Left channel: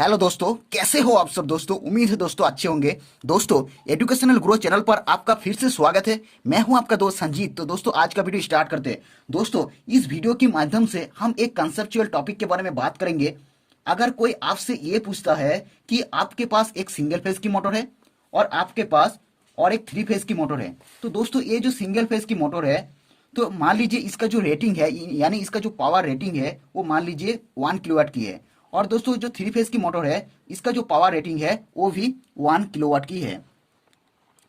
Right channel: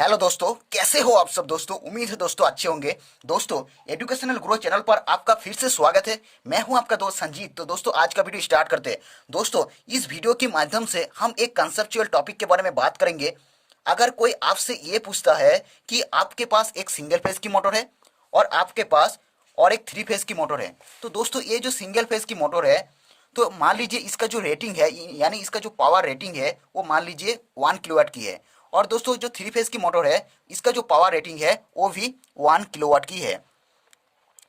Hello दोस्तों, कैसे हो आप सब दोस्तों। उम्मीद है दोस्तों अच्छे होंगे। दोस्तों, एजुकेशनल ग्रो चैनल पर आपका फिर से स्वागत है। मैं हूं आपका दोस्त संजीत। तो दोस्तों, आज का वीडियो स्टार्ट करते हैं। दोस्तों, इस वीडियो के माध्यम से हम एक कंसेप्चुअल टॉपिक के बारे में बात करेंगे। अगर कोई आपसे ये पूछता है कि आपके पास एक सिंगल फेज की मोटर है और आपके पास और एक थ्री फेज की मोटर है, तो दोस्तों ये जो सिंगल फेज की मोटर है, तो मान लीजिए इसका जो रेटिंग है, यानी इसका जो पावर रेटिंग है, वो मान लीजिए 1 किलोवाट की है। और दोस्तों, जो थ्री फेज की मोटर है, इसका जो पावर रेटिंग है वो भी 1 किलोवाट की है।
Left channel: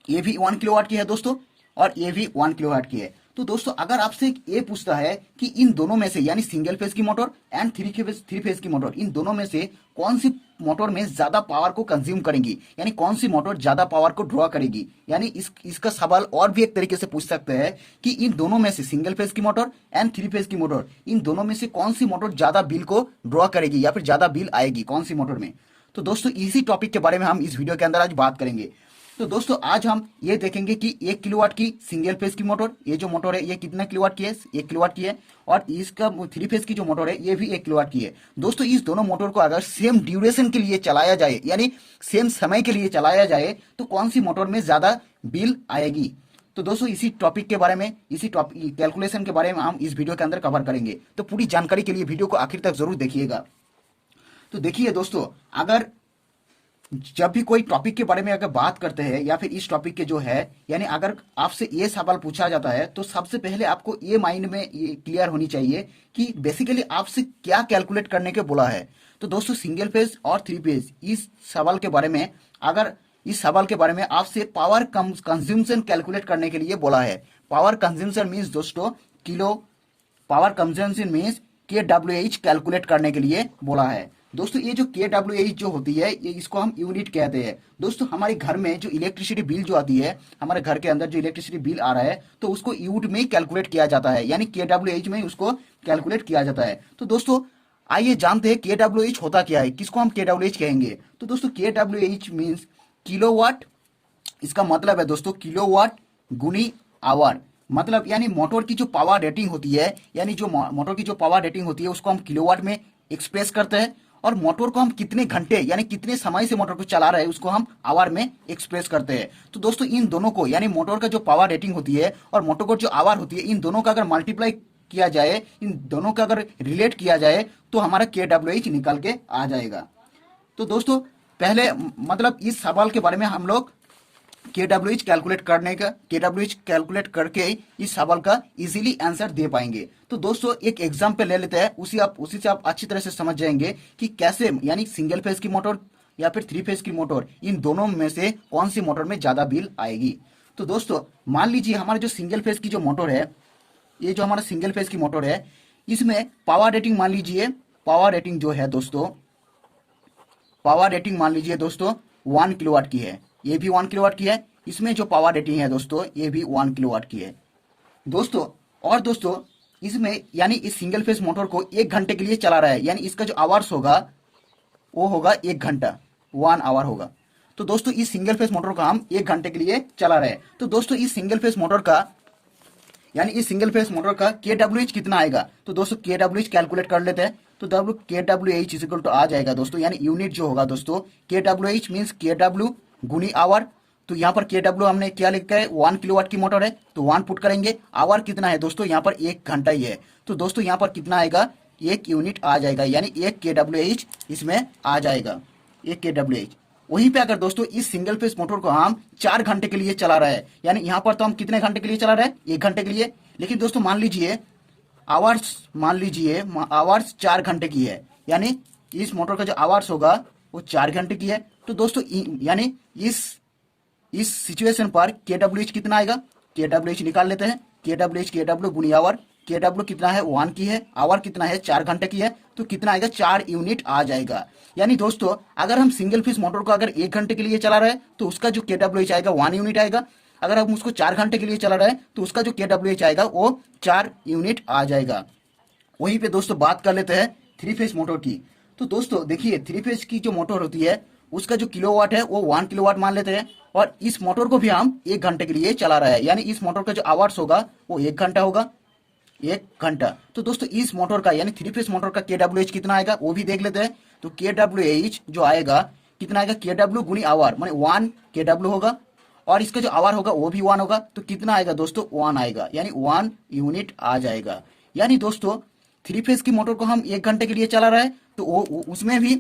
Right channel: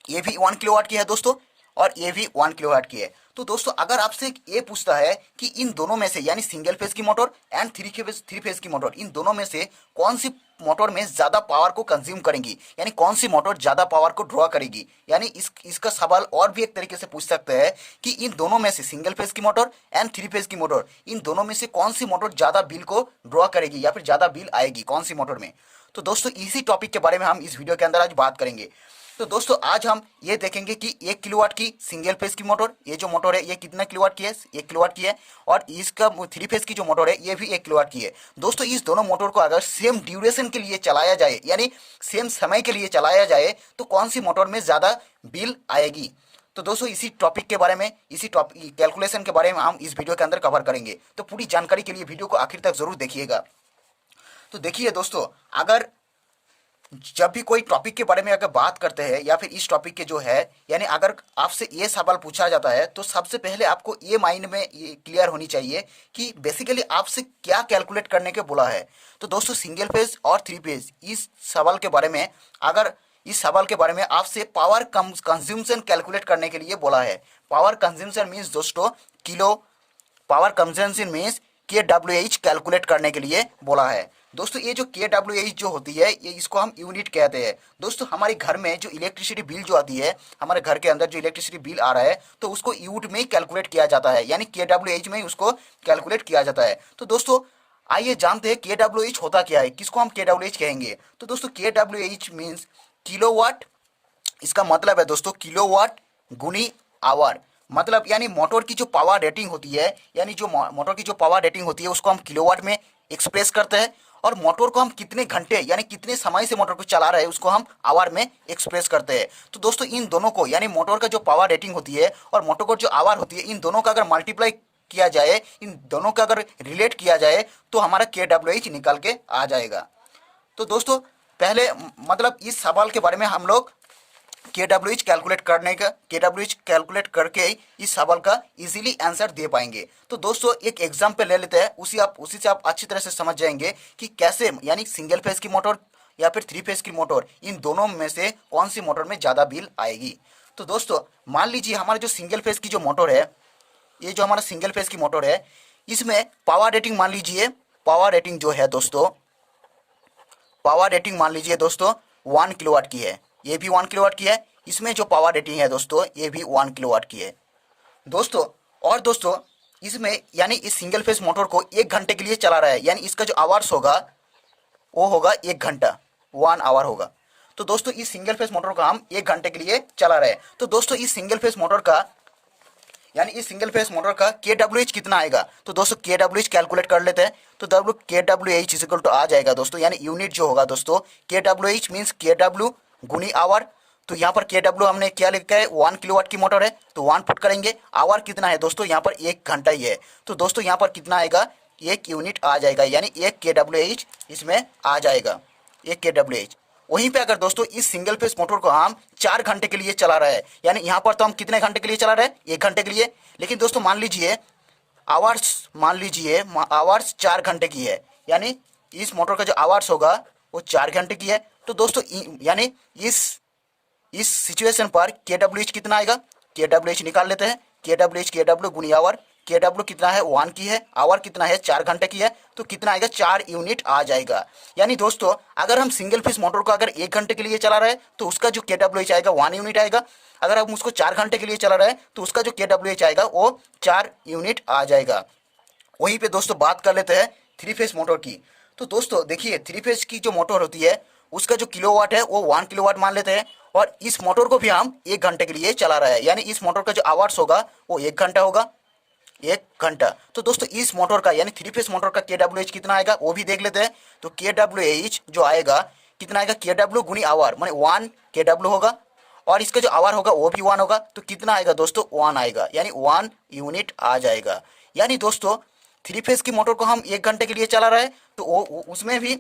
ये भी 1 किलोवाट की है दोस्तों, और ये भी 1 किलोवाट की है। तो दोस्तों, अगर आपसे ये पूछता है कि इन दोनों में से, यानी सिंगल फेज की मोटर एंड थ्री फेज की मोटर, इन दोनों में से कौन सी मोटर में ज्यादा पावर को कंज्यूम करेंगी, यानी कौन सी मोटर ज्यादा पावर को ड्रॉ करेगी, यानी इसका सवाल और भी एक तरीके से पूछ सकते हैं कि इन दोनों में से, सिंगल फेज की मोटर एंड थ्री फेज की मोटर, इन दोनों में से कौन सी मोटर ज्यादा बिल को ड्रॉ करेगी या फिर ज्यादा बिल आएगी कौन सी मोटर में। तो दोस्तों, इसी टॉपिक के बारे में हम इस वीडियो के अंदर आज बात करेंगे। तो दोस्तों, आज हम ये देखेंगे कि 1 किलोवाट की सिंगल फेज की मोटर, ये जो मोटर है ये कितना किलोवाट की है, 1 किलोवाट की है। और इसका थ्री फेज की जो मोटर है ये भी 1 किलोवाट की है। दोस्तों, इस दोनों मोटर को अगर सेम ड्यूरेशन के लिए चलाया जाए, यानी सेम समय के लिए चलाया जाए, तो कौन सी मोटर में ज्यादा बिल आएगी। तो दोस्तों, इसी टॉपिक के बारे में, इसी टॉपिक कैलकुलेशन के बारे में हम इस वीडियो के अंदर कवर करेंगे। तो पूरी जानकारी के लिए वीडियो को आखिर तक जरूर देखिएगा। तो देखिए दोस्तों, अगर जब भी कोई टॉपिक के बारे में अगर बात करते हैं, या फिर इस टॉपिक के जो है, यानी अगर आपसे ये सवाल पूछा जाता है, तो सबसे पहले आपको ये माइंड में ये क्लियर होनी चाहिए कि बेसिकली आपसे क्या कैलकुलेट करने के बोला है। तो दोस्तों, सिंगल फेज और थ्री फेज, इस सवाल के बारे में, अगर इस सवाल के बारे में आपसे पावर कंज्यूमशन कैलकुलेट करने के लिए बोला है। पावर कंज्यूमशन मीन्स दोस्तों kilo, power consumption means K W H calculate करने के लिए बोला है। दोस्तों, ये जो के डब्ल्यू एच जो होती है, ये इसको हम यूनिट कहते हैं। दोस्तों, हमारे घर में जो इलेक्ट्रिसिटी बिल जो आती है, हमारे घर के अंदर जो इलेक्ट्रिसिटी बिल आ रहा है, तो उसको यूनिट में ही कैलकुलेट किया जाता है, यानी के डब्ल्यू एच में ही उसको कैलकुलेट किया जाता है। तो दोस्तों, आइए जानते हैं के डब्ल्यू एच होता क्या है, किसको हम के डब्ल्यू एच कहेंगे। तो दोस्तों, K W H means kilowatt. इसका मतलब है दोस्तों किलोवाट गुनी आवर। मतलब यानी मोटर की जो पावर रेटिंग होती है, यानी जो मोटर की जो पावर रेटिंग होती है, उसको हम किलोवाट में एक्सप्रेस करते हैं। और मोटर को हम कितने घंटे, यानी कितने समय से मोटर को चला रहे हैं, उसको हम आवर में एक्सप्रेस करते हैं। तो दोस्तों, इन दोनों को, यानी मोटर का जो पावर रेटिंग होती है और मोटर को जो आवर होती है, इन दोनों का अगर मल्टीप्लाई किया जाए, इन दोनों का अगर रिलेट किया जाए, तो हमारा के डब्ल्यू एच निकल के आ जाएगा। तो दोस्तों, पहले मतलब इस सवाल के बारे में हम लोग के डब्ल्यू एच कैलकुलेट करने का, के डब्ल्यू एच कैलकुलेट करके इस सवाल का इजीली आंसर दे पाएंगे। तो दोस्तों, एक एग्जांपल ले लेते हैं, उसी से आप अच्छी तरह से समझ जाएंगे कि कैसे, यानी सिंगल फेज की मोटर या फिर थ्री फेज की मोटर, इन दोनों में से कौन सी मोटर में ज्यादा बिल आएगी। तो दोस्तों, मान लीजिए हमारे जो सिंगल फेज की जो मोटर है, ये जो हमारा सिंगल फेज की मोटर है, इसमें पावर रेटिंग मान लीजिए, पावर रेटिंग जो है दोस्तों, पावर रेटिंग मान लीजिए दोस्तों 1 किलोवाट की है। ये भी 1 किलोवाट की है। इसमें जो पावर रेटिंग है दोस्तों, ये भी 1 किलोवाट की है दोस्तों। और दोस्तों, इसमें यानी इस सिंगल फेज मोटर को 1 घंटे के लिए चला रहा है, यानी इसका जो आवर्स होगा वो होगा 1 घंटा, 1 आवर होगा। तो दोस्तों, इस सिंगल फेज मोटर को हम 1 घंटे के लिए चला रहे हैं। तो दोस्तों, इस सिंगल फेज मोटर का, यानी इस सिंगल फेस मोटर का के डब्ल्यू एच कितना आएगा। तो दोस्तों, के डब्ल्यू एच कैलकुलेट कर लेते हैं। तो K W H is equal to आ जाएगा दोस्तों, यानी यूनिट जो होगा दोस्तों, K W H means K W गुनी आवर। तो यहाँ पर के डब्ल्यू हमने क्या लिखा है, 1 किलोवाट की मोटर है, तो 1 पुट करेंगे। आवर कितना है दोस्तों, यहाँ पर 1 घंटा ही है। तो दोस्तों, यहाँ पर कितना आएगा, 1 यूनिट आ जाएगा, यानी 1 के डब्ल्यू एच इसमें आ जाएगा, 1 के डब्ल्यू एच। वहीं पे अगर दोस्तों इस सिंगल फेस मोटर को हम 4 घंटे के लिए चला रहे हैं, यानी यहाँ पर तो हम कितने घंटे के लिए चला रहे हैं, 1 घंटे के लिए। लेकिन दोस्तों, मान लीजिए आवर्स 4 घंटे की है, यानी इस मोटर का जो आवर्स होगा वो 4 घंटे की है। तो दोस्तों, यानी इस सिचुएशन पर के डब्ल्यू एच कितना आएगा, के डब्ल्यू एच निकाल लेते हैं। के डब्ल्यू गुनी आवर, के डब्ल्यू कितना है 1 की है, आवर कितना है 4 घंटे की है, तो कितना आएगा 4 यूनिट आ जाएगा। यानी दोस्तों, अगर हम सिंगल फेस मोटर को अगर 1 घंटे के लिए चला रहे हैं, तो उसका जो के डब्ल्यू एच आएगा 1 यूनिट आएगा। अगर हम उसको 4 घंटे के लिए चला रहे हैं, तो उसका जो के डब्ल्यू एच आएगा वो 4 यूनिट आ जाएगा। वहीं पे दोस्तों बात कर लेते हैं थ्री फेस मोटर की। तो दोस्तों देखिए, थ्री फेस की जो मोटर होती है, उसका जो किलोवाट है वो 1 किलोवाट मान लेते हैं। और इस मोटर को भी हम 1 घंटे के लिए चला रहे हैं, यानी इस मोटर का जो आवर्स होगा वो 1 घंटा होगा। 1 घंटा। तो दोस्तों इस मोटर का यानी 3 फेस मोटर का KWH कितना आएगा वो भी देख लेते हैं। तो KWH जो आएगा कितना आएगा, KW गुनी आवर माने 1 KW होगा, और इसका जो आवर होगा वो भी 1 होगा। तो कितना आएगा दोस्तों, 1 आएगा, यानी 1 यूनिट आ जाएगा। यानी दोस्तों 3 फेस की मोटर को हम 1 घंटे के लिए चला रहे हैं, तो उसमें भी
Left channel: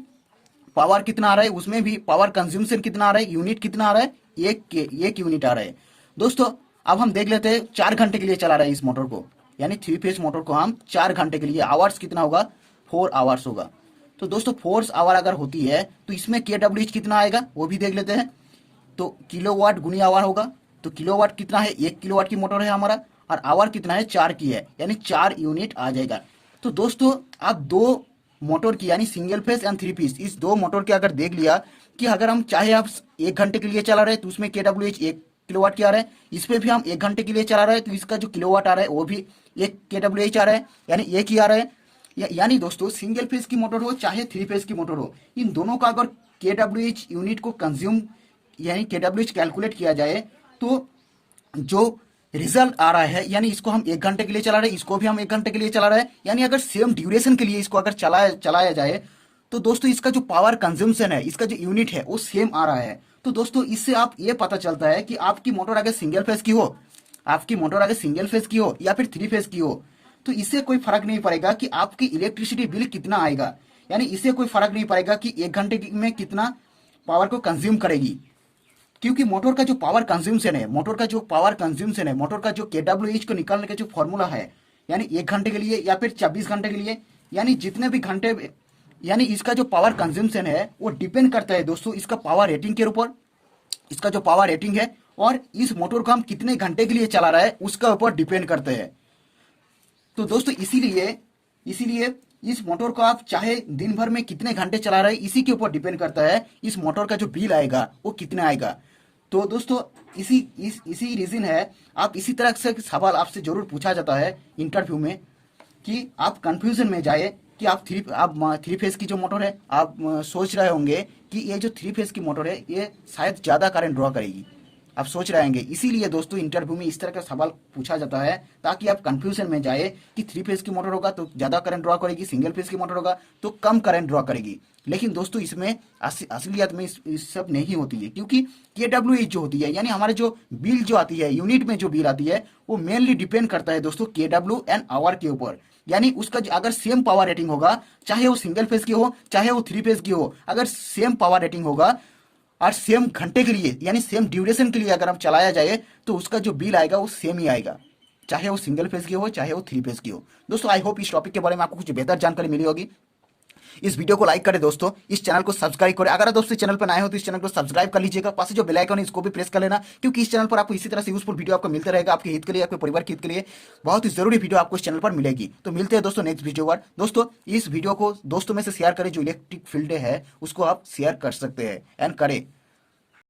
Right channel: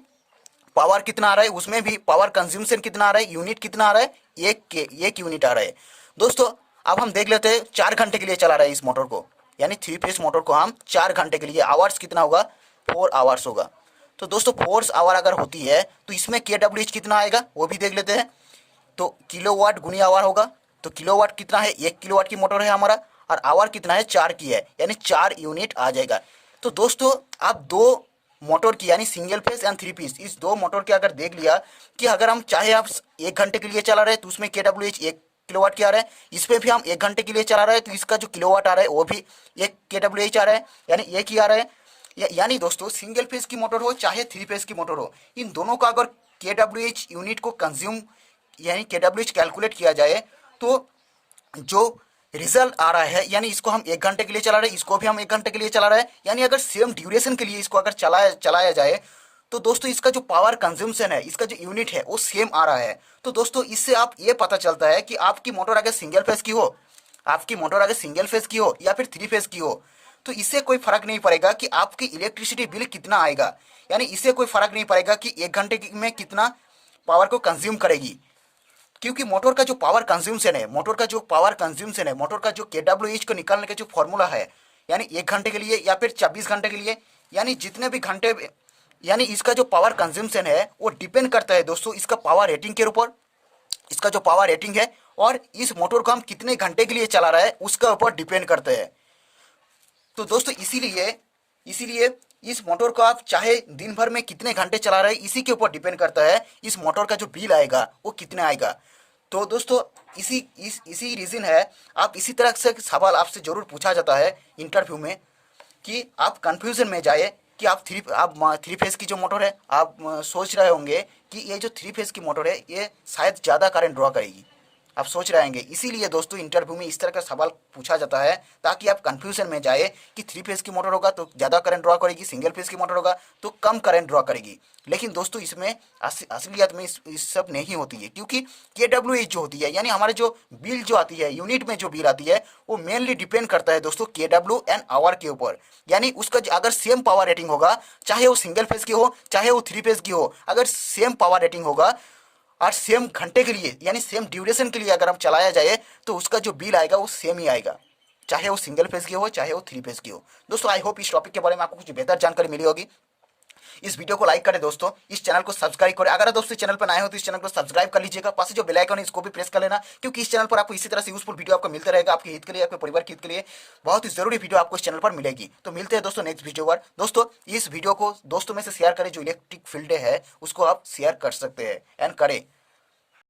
पावर कितना आ रहा है, उसमें भी पावर कंज्यूमशन कितना आ रहा है, यूनिट कितना आ रहा है, 1 यूनिट आ रहा है। दोस्तों अब हम देख लेते हैं 4 घंटे के लिए चला रहे हैं इस मोटर को, यानी 3 फेस मोटर को हम 4 घंटे के लिए, आवर्स कितना होगा, 4 आवर्स होगा। तो दोस्तों 4 आवर अगर होती है तो इसमें KWH कितना आएगा वो भी देख लेते हैं। तो किलोवाट गुनी आवर होगा, तो किलोवाट कितना है, 1 किलोवाट की मोटर है हमारा, और आवर कितना है, 4 की है, यानी 4 यूनिट आ जाएगा। तो दोस्तों आप दो मोटर की यानी सिंगल फेस एंड 3 पीस, इस दो मोटर के अगर देख लिया कि अगर हम चाहे आप 1 घंटे के लिए चला रहे हैं तो उसमें KWH 1 किलोवाट की आ रहा है, इस पे भी हम 1 घंटे के लिए चला रहे हैं तो इसका जो किलोवाट आ रहा है वो भी 1 KWH आ रहा है, यानी 1 ही आ रहा है। यानी दोस्तों सिंगल फेस की मोटर हो चाहे 3 फेस की मोटर हो, इन दोनों का अगर KWH यूनिट को कंज्यूम यानी KWH कैलकुलेट किया जाए तो जो रिजल्ट आ रहा है, यानी इसको हम 1 घंटे के लिए चला रहे हैं, इसको भी हम 1 घंटे के लिए चला रहे हैं, यानी अगर सेम ड्यूरेशन के लिए इसको अगर चलाया जाए तो दोस्तों इसका जो पावर कंजम्पशन है, इसका जो यूनिट है वो सेम आ रहा है। तो दोस्तों इससे आप ये पता चलता है कि आपकी मोटर अगर सिंगल फेस की हो, आपकी मोटर अगर सिंगल फेस की हो या फिर 3 फेस की हो, तो इससे कोई फर्क नहीं पड़ेगा कि आपकी इलेक्ट्रिसिटी बिल कितना आएगा, यानी इससे कोई फर्क नहीं पड़ेगा कि 1 घंटे में कितना पावर को कंज्यूम करेगी, क्योंकि मोटर का जो पावर कंज्यूमशन है, मोटर का जो KWH को निकालने का जो फॉर्मूला है, यानी 1 घंटे के लिए या फिर 24 घंटे के लिए, यानी जितने भी घंटे, यानी इसका जो पावर कंज्यूमशन है वो डिपेंड करता है दोस्तों इसका पावर रेटिंग के ऊपर, इसका जो पावर रेटिंग है और इस मोटर को हम कितने घंटे के लिए चला रहा है उसका ऊपर डिपेंड करता है। तो दोस्तों इसीलिए इस मोटर को आप चाहे दिन भर में कितने घंटे चला रहे हैं इसी के ऊपर डिपेंड करता है इस मोटर का जो बिल आएगा वो कितना आएगा। तो दोस्तों इसी रीजन है, आप इसी तरह से सवाल आपसे जरूर पूछा जाता है इंटरव्यू में कि आप कंफ्यूजन में जाए कि आप 3 फेस की जो मोटर है, आप सोच रहे होंगे कि ये जो 3 फेस की मोटर है ये शायद ज़्यादा करंट ड्रॉ करेगी, आप सोच रहे होंगे। इसीलिए दोस्तों इंटरव्यू में इस तरह का सवाल पूछा जाता है ताकि आप कंफ्यूजन में जाए कि 3 फेस की मोटर होगा तो ज़्यादा करंट ड्रॉ करेगी, सिंगल फेस की मोटर होगा तो कम करंट ड्रॉ करेगी। लेकिन दोस्तों इसमें असलियत में इस सब नहीं होती है, क्योंकि KWH जो होती है यानी हमारे जो बिल जो आती है, यूनिट में जो बिल आती है वो मेनली डिपेंड करता है दोस्तों KW एंड आवर के ऊपर। यानी उसका अगर सेम पावर रेटिंग होगा, चाहे वो सिंगल फेस की हो चाहे वो 3 फेस की हो, अगर सेम पावर रेटिंग होगा और सेम घंटे के लिए यानी सेम ड्यूरेशन के लिए अगर हम चलाया जाए तो उसका जो बिल आएगा वो सेम ही आएगा, चाहे वो सिंगल फेस की हो चाहे वो 3 फेस की हो। दोस्तों आई होप इस टॉपिक के बारे में आपको कुछ बेहतर जानकारी मिली होगी। इस वीडियो को लाइक करें दोस्तों, इस चैनल को सब्सक्राइब करें, अगर दोस्तों चैनल पर नए हो तो इस चैनल को सब्सक्राइब कर लीजिएगा, पास से जो बेल आइकन है इसको भी प्रेस कर लेना, क्योंकि इस चैनल पर आपको इसी तरह से यूजफुल वीडियो आपको मिलता रहेगा, आपके हित के लिए, आपके परिवार के हित के लिए बहुत ही जरूरी वीडियो आपको इस चैनल पर मिलेगी। तो मिलते हैं दोस्तों नेक्स्ट वीडियो पर। दोस्तों इस वीडियो को दोस्तों में से शेयर करें, जो इलेक्ट्रिक फील्ड है उसको आप शेयर कर सकते हैं एंड करें।